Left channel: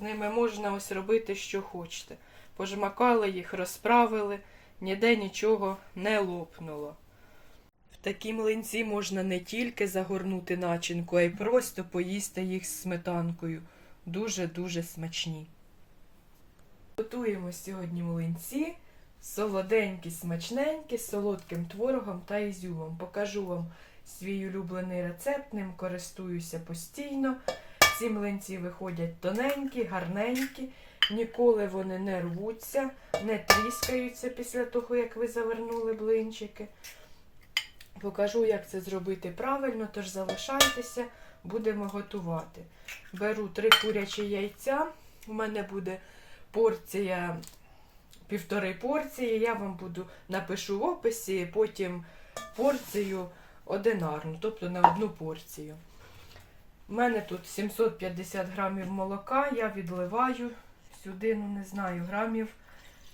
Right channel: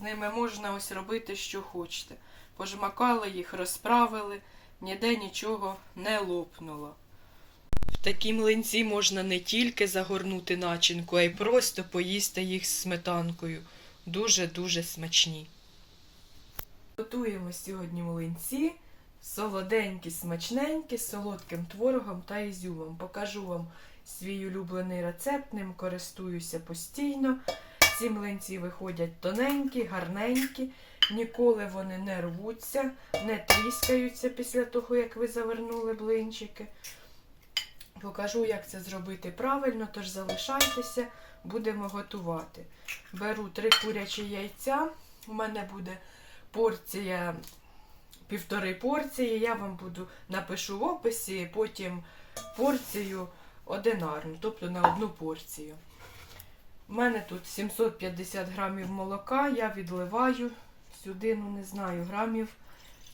З ними можна ось робити, що хочете. Пожмакали їх, розправили, ніде нічого не лопнуло. В такі млинці можна не тільки загорнути начинку, а й просто поїсти їх з сметанкою. Дуже-дуже смачні. Готуємо сьогодні млинці. Солоденькі, смачненькі, з солодким творогом та ізюмом. Покажу вам свій улюблений рецепт, ним користуюся постійно. Ці млинці виходять тоненькі, гарненькі, ніколи вони не рвуться, не тріскаються після того, як ви завернули блинчики. Покажу, як це зробити правильно, тож залишайтеся, будемо готувати. Беру три курячі яйця. У мене буде порція, півтори порції. Я вам буду напишу в описі, потім порцію одинарну, тобто на одну порцію. У мене тут 750 грамів молока, я відливаю сюди, ну не знаю, грамів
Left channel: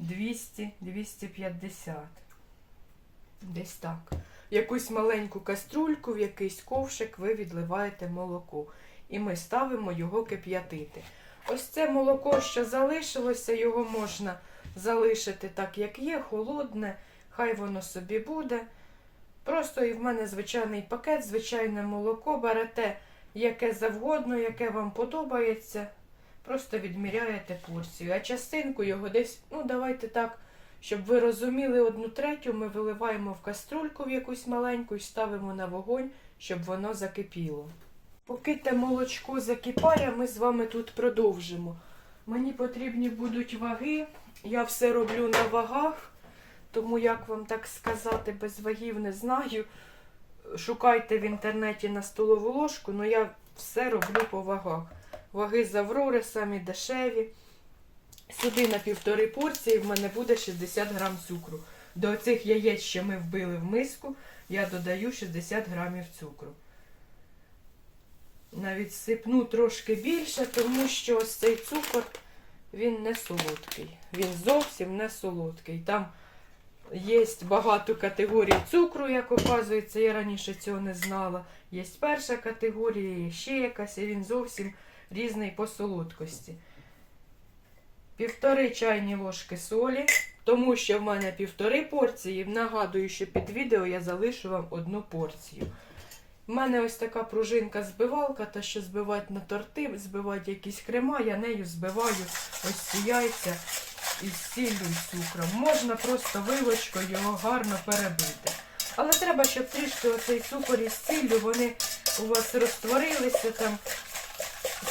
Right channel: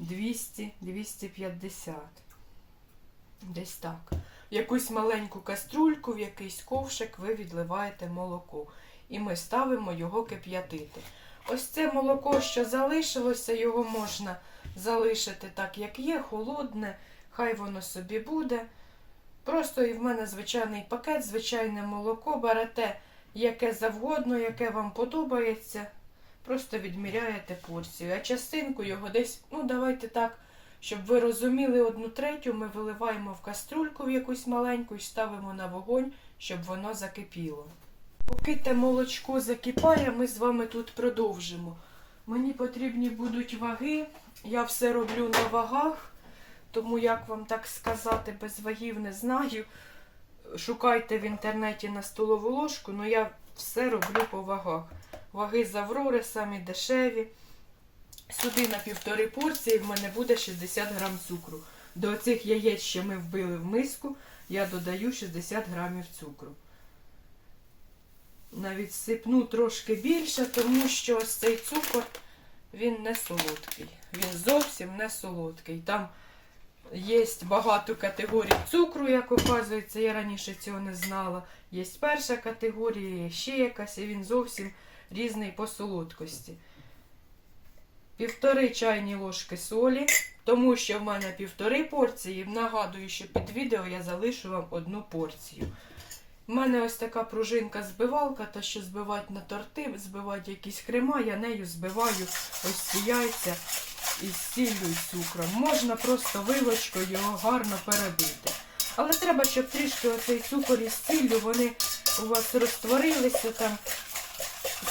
200-250. Десь так. В якусь маленьку каструльку, в якийсь ковшик ви відливаєте молоко. І ми ставимо його кип'ятити. Ось це молоко, що залишилося, його можна залишити так, як є, холодне, хай воно собі буде. Просто і в мене звичайний пакет, звичайне молоко. Берете яке завгодно, яке вам подобається. Просто відміряєте порцію. А частинку його десь, ну давайте так, щоб ви розуміли, одну третю ми виливаємо в каструльку в якусь маленьку і ставимо на вогонь, щоб воно закипіло. Поки те молочко закипає, ми з вами тут продовжимо. Мені потрібні будуть ваги. Я все роблю на вагах, тому як вам так сказати, без вагів не знаю. Шукайте в інтернеті на столову ложку, але я все роблю по вагах. Ваги з Аврори самі дешеві. Сюди на півтори порції в мене буде 60 грам цукру. До цих яєць, що ми вбили в миску, я додаю 60 грамів цукру. Навіть сипну трошки більше, тому що ось цей цукор він не солодкий. Він зовсім не солодкий. Там є багато категорій цукру, як оказується, я раніше цього не знала. Є перша категорія, є ще якась, і він зовсім різний по солодкості. Півтори чайні ложки солі, тому що в мене півтори порції. Нагадую, що під відео я залишу вам одну порцію. У мене ось така пружинка-збивалка, та що збивати на торти, збивати якісь крема, я нею збиваю ось ці яйця із сіллю і цукром. Можна просто вилочкою його гарно перебити. Але треба, щоб трішки оцей цукор із сіллю, вони у вас розтворилися там,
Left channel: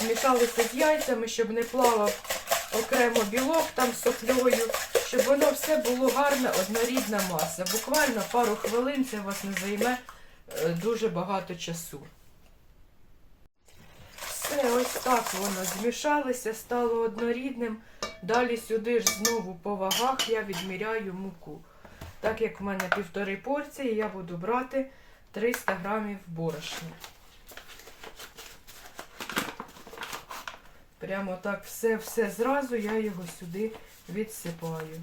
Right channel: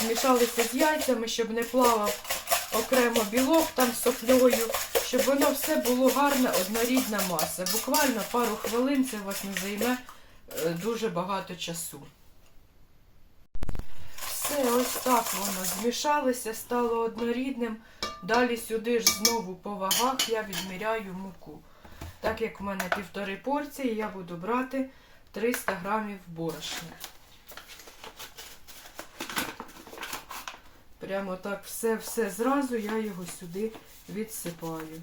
змішалися з яйцями, щоб не плавав окремо білок там з соплею, щоб воно все було гарна, однорідна маса. Буквально пару хвилин це у вас не займе дуже багато часу. Все, ось так воно змішалося, стало однорідним. Далі сюди ж знову по вагах я відміряю муку. Так як в мене півтори порції, я буду брати 300 грамів борошна. Прямо так все-все зразу я його сюди відсипаю.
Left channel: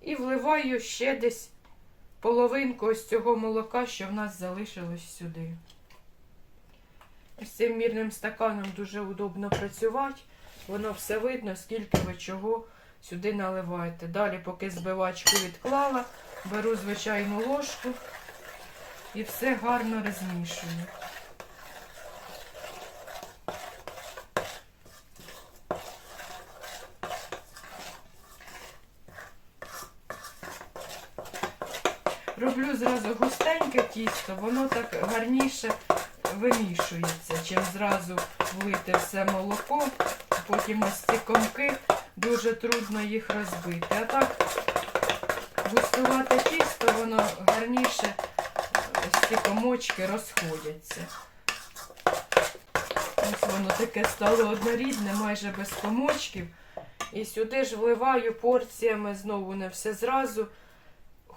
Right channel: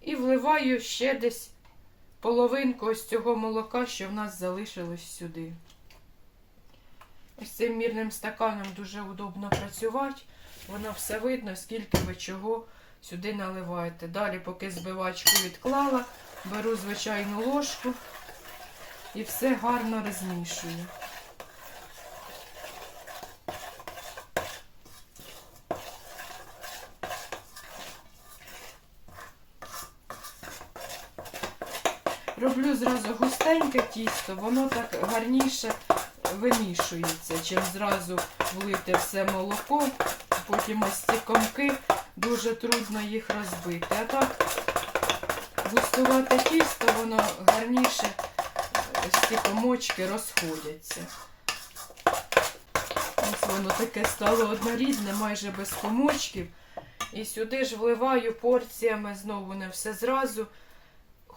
І вливаю ще десь половинку ось цього молока, що в нас залишилось сюди. Ось цим мірним стаканом дуже удобно працювати. Воно все видно, скільки ви чого сюди наливаєте. Далі, поки збивачку відклала, беру звичайну ложку і все гарно розмішую. Роблю зразу густеньке тісто, воно так гарніше вимішується, чим зразу влити все молоко, потім ось ці комки, дуже трудно їх розбити. А так густувате тісто, воно гарніше ось ці комочки розходяться. Ось воно таке стало однорідне, майже без комочків. І сюди ж вливаю порціями знову не все зразу.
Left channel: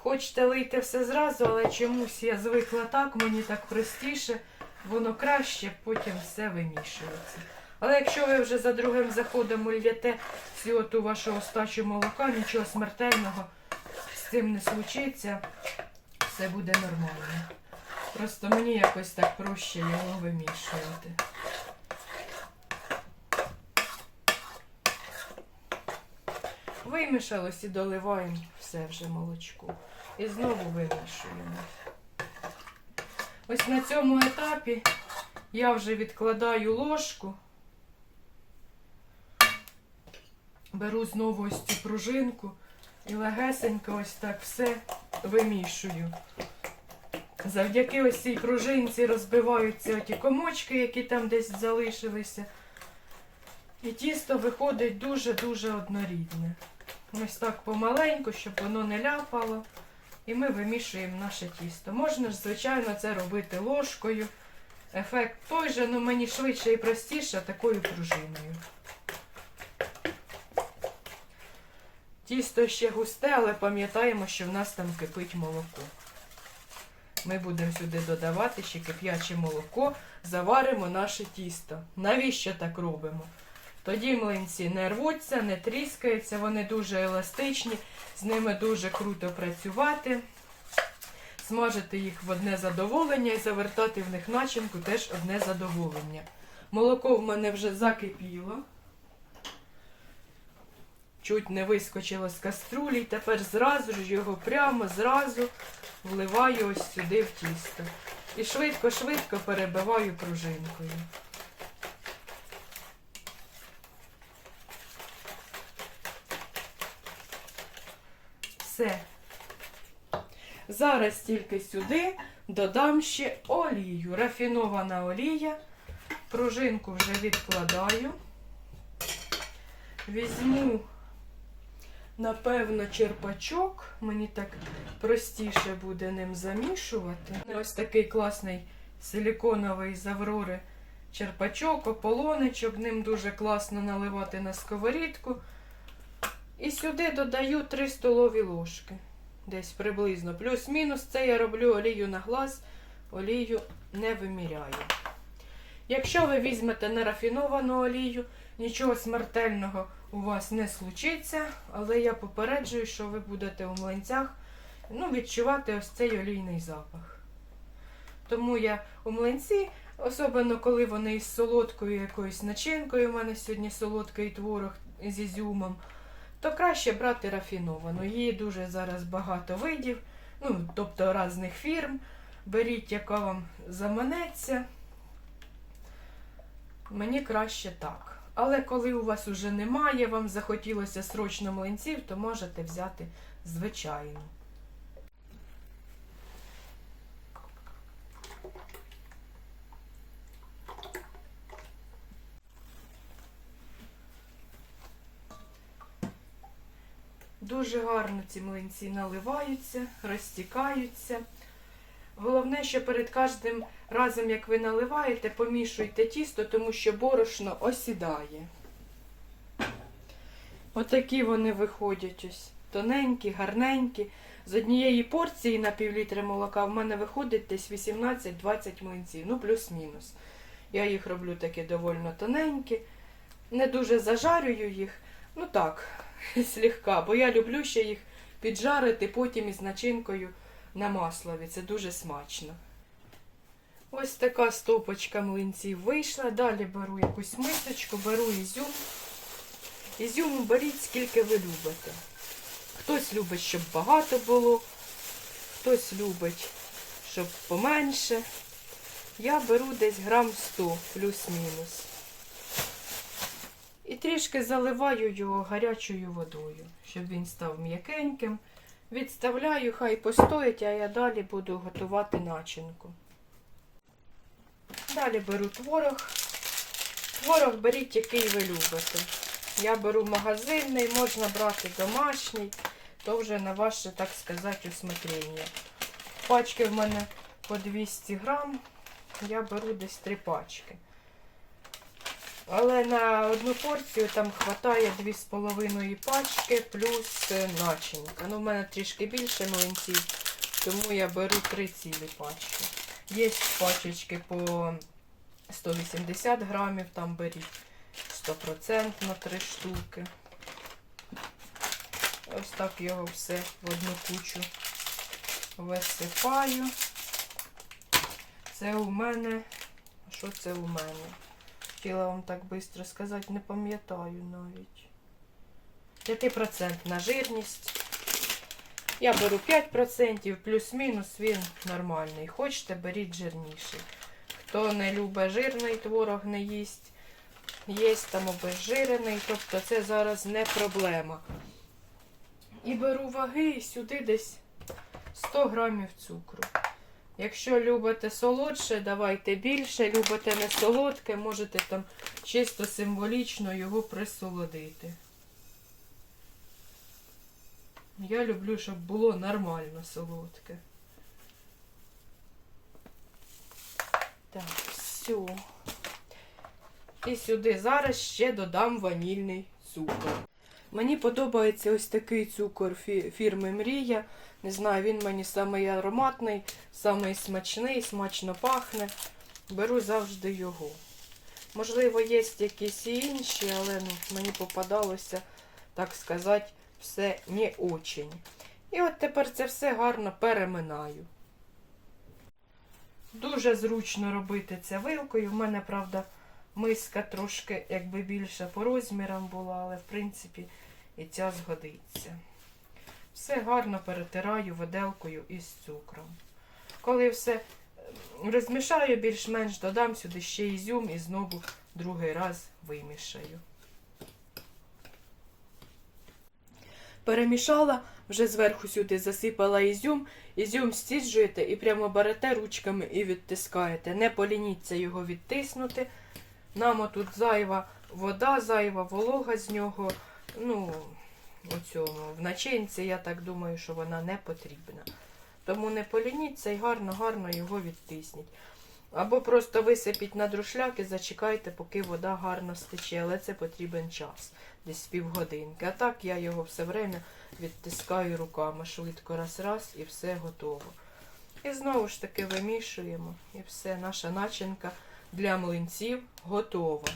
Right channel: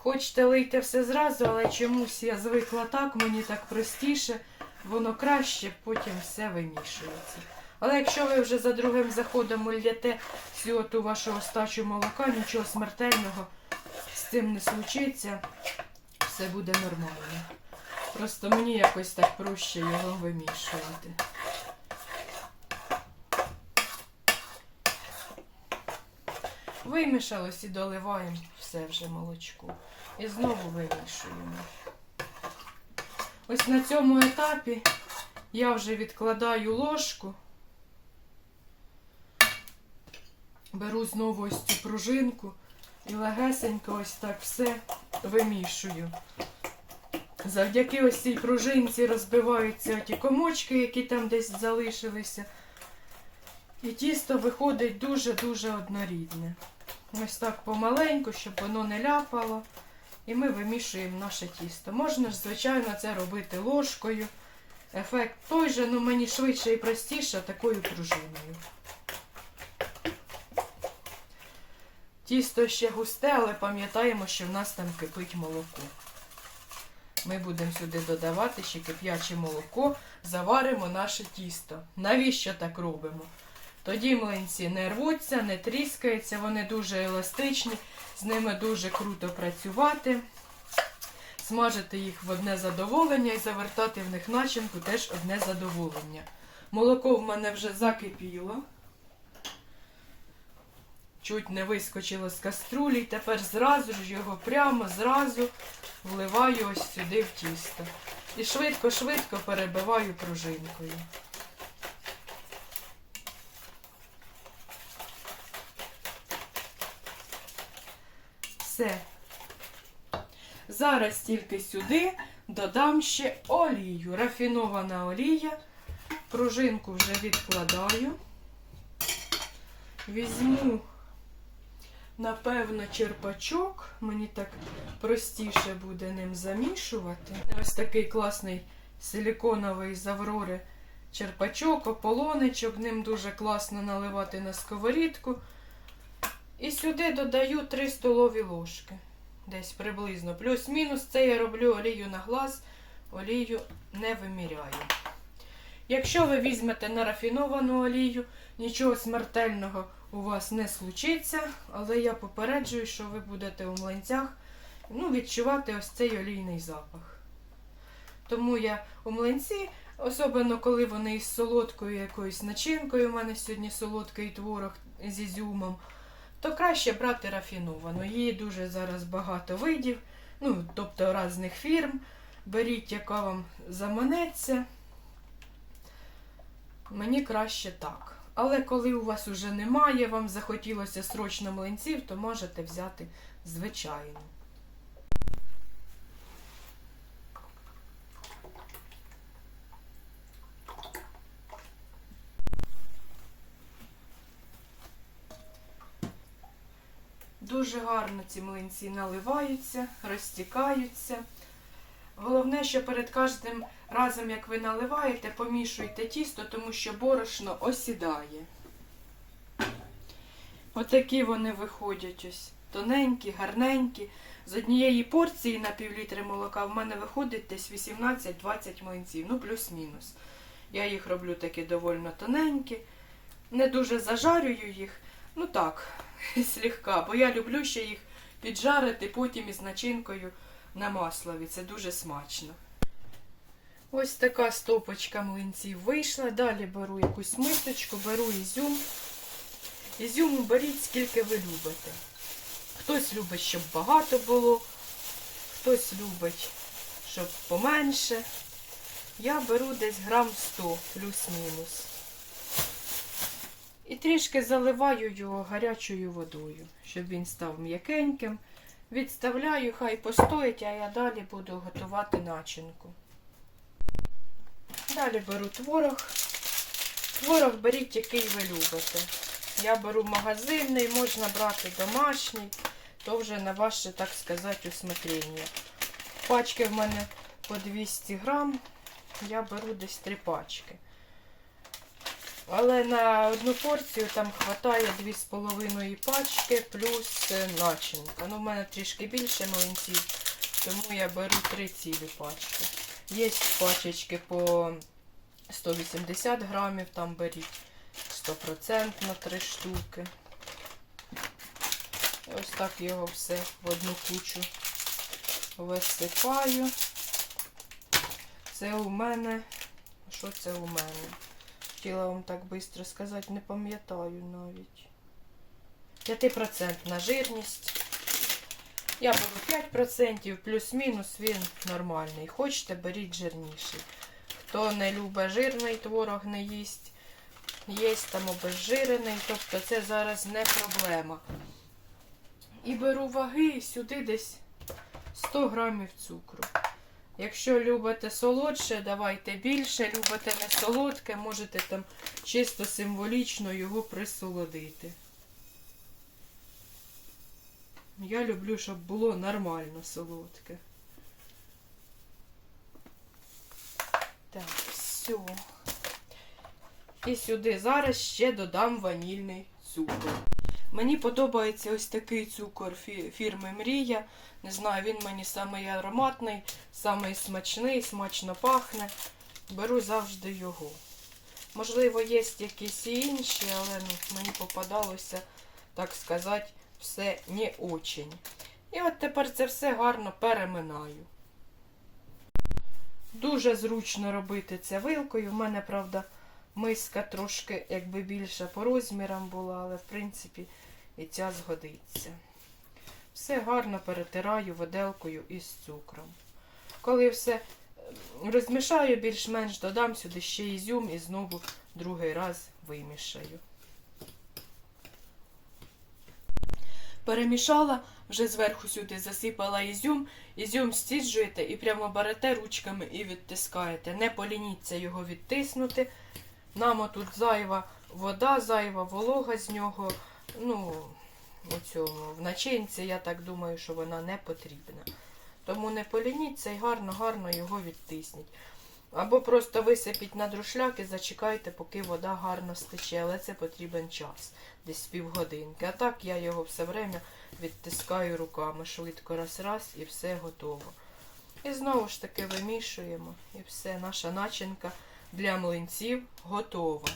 Хочете лийте все зразу, але чомусь я звикла так, мені так простіше, воно краще, потім все вимішується. Але якщо ви вже за другим заходом ульєте всю ту вашу остачу молока, нічого смертельного з цим не случиться, все буде нормально. Просто мені якось так проще його вимішувати. Вимішалось і доливаємо все вже молочко. І знову вимішуємо. Ось на цьому етапі я вже відкладаю ложку. Беру знову ось цю пружинку і легесенько ось так все вимішую. Завдяки ось цій пружинці розбиваються ті комочки, які там десь залишилися. І тісто виходить дуже-дуже однорідне. Ось так помаленьку, щоб воно не ляпало. І ми вимішуємо наше тісто. Можна ж, звичайно, це робити ложкою. Ефект той же, але мені швидше і простіше такою пружиною. Тісто ще густе, але пам'ятаємо, що в нас там кипить молоко. Ми будемо сюди додавати ще кип'яче молоко, заваримо наше тісто. Навіщо так робимо? Тоді млинці не рвуться, не тріскаються, вони дуже еластичні, з ними дуже круто працювати. Смажити їх в одне задоволення і завертати в них начинку теж одне задоволення. Молоко в мене вже закипіло. Чуть не вискочило з каструлі, тепер зразу ж його прямо зразу вливаю ось сюди в тісто. І швидко-швидко перебиваю пружинкою. Все. Зараз тільки сюди додам ще олію. Рафінована олія. Пружинку вже відкладаю. Візьму, напевно, черпачок. Мені так простіше буде ним замішувати. Ось такий класний силіконовий з Аврори черпачок, ополонечок. Ним дуже класно наливати на сковорідку. І сюди додаю 3 столові ложки. Десь приблизно. Плюс-мінус це я роблю олію на глаз, олію не виміряю. Якщо ви візьмете нерафіновану олію, нічого смертельного у вас не случиться, але я попереджую, що ви будете у млинцях ну, відчувати ось цей олійний запах. Тому я у млинці, особливо коли вони із солодкою якоюсь начинкою, у мене сьогодні солодкий творог з ізюмом, то краще брати рафіновану. Її дуже зараз багато видів, ну, тобто різних фірм. Беріть, яка вам заманеться. Мені краще так. Але коли у вас уже немає, вам захотілося срочно млинців, то можете взяти звичайну. Дуже гарно ці млинці наливаються, розтікаються. Головне, що перед кожним разом, як ви наливаєте, помішуйте тісто, тому що борошно осідає. Отакі вони виходять ось. Тоненькі, гарненькі. З однієї порції на півлітри молока в мене виходить десь 18-20 млинців, ну плюс-мінус. Я їх роблю такі доволі тоненькі. Не дуже зажарюю їх. Ну так, слегка, бо я люблю ще їх піджарити потім із начинкою на маслові. Це дуже смачно. Ось така стопочка млинців вийшла. Далі беру якусь мисочку, беру ізюм. Ізюму беріть, скільки ви любите. Хтось любить, щоб багато було, хтось любить, щоб поменше. Я беру десь грам 100 плюс-мінус. І трішки заливаю його гарячою водою, щоб він став м'якеньким. Відставляю, хай постоїть, а я далі буду готувати начинку. Далі беру творог. Творог беріть, який ви любите. Я беру магазинний, можна брати домашній, то вже на ваше, так сказати, усмотрення. Пачки в мене по 200 грам, я беру десь три пачки. Але на одну порцію там вистачає 2,5 пачки плюс е, начинка. Ну, в мене трішки більше млинців, тому я беру 3 цілі пачки. Є пачечки по 180 грамів, там беріть. Стопроцентно три штуки. Ось так його все в одну кучу висипаю. Це у мене. Що це у мене? Хотіла вам так швидко сказати, не пам'ятаю навіть. 5% жирність. Я беру 5%, плюс-мінус він нормальний. Хочете, беріть жирніший. Хто не любить жирний творог, не їсть, є там обезжирений, тобто це зараз не проблема. І беру ваги сюди десь 100 грамів цукру. Якщо любите солодше, давайте більше. Любите не солодке, можете там чисто символічно його присолодити. Я люблю, щоб було нормально солодке. Так, все. І сюди зараз ще додам ванільний цукор. Мені подобається ось такий цукор фірми Мрія. Не знаю, він мені самий ароматний, самий смачний, смачно пахне. Беру завжди його. Можливо, є якісь інші, але мені попадалося, так сказати, все не очень. І от тепер це все гарно переминаю. Дуже зручно робити це вилкою. В мене, правда, миска трошки якби більша по розмірам була, але в принципі і ця згодиться. Все гарно перетираю воделкою із цукром. Коли все е, розмішаю, більш-менш додам сюди ще ізюм і знову другий раз вимішаю. Перемішала, вже зверху сюди засипала ізюм. Ізюм стіджуєте і прямо берете ручками і відтискаєте. Не полініться його відтиснути. Нам тут зайва вода, зайва волога з нього. Ну, у цьому, в начинці, я так думаю, що вона не потрібна. Тому не полініться і гарно-гарно його відтисніть. Або просто висипіть на друшляк і зачекайте, поки вода гарно стече, але це потрібен час, десь півгодинки. А так я його все время відтискаю руками швидко раз-раз і все готово. І знову ж таки вимішуємо. І все, наша начинка для млинців готова.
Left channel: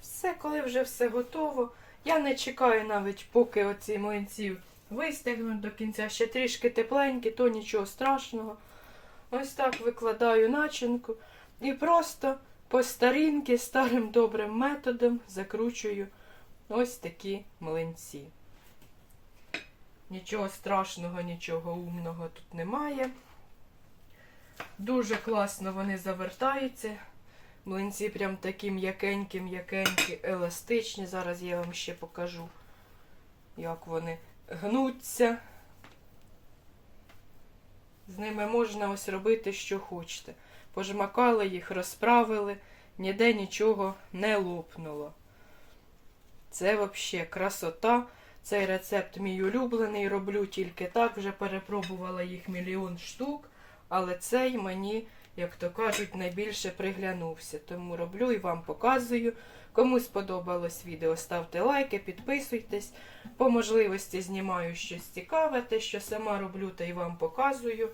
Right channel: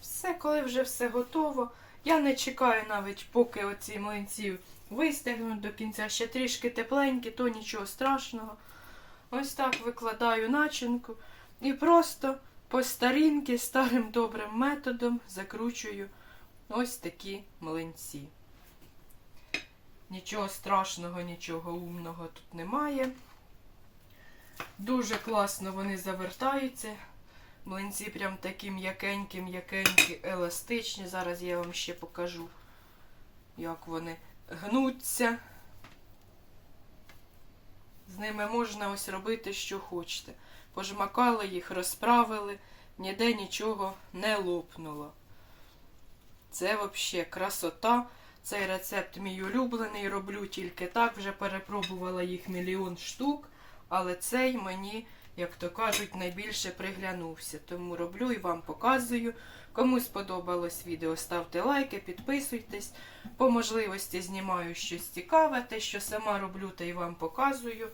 Все, коли вже все готово, я не чекаю навіть, поки оці млинці вистигнуть до кінця, ще трішки тепленькі, то нічого страшного. Ось так викладаю начинку і просто по старінки, старим добрим методом закручую ось такі млинці. Нічого страшного, нічого умного тут немає. Дуже класно вони завертаються. Млинці прям такі м'якенькі, м'якенькі, еластичні. Зараз я вам ще покажу, як вони гнуться. З ними можна ось робити, що хочете. Пожмакали їх, розправили, ніде нічого не лопнуло. Це взагалі красота. Цей рецепт мій улюблений. Роблю тільки так. Вже перепробувала їх мільйон штук, але цей мені як то кажуть, найбільше приглянувся. Тому роблю і вам показую. Кому сподобалось відео, ставте лайки, підписуйтесь. По можливості знімаю щось цікаве, те, що сама роблю, та й вам показую.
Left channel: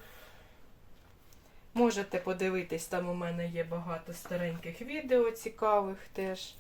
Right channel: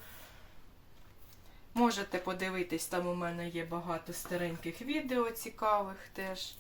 Можете подивитись, там у мене є багато стареньких відео цікавих теж.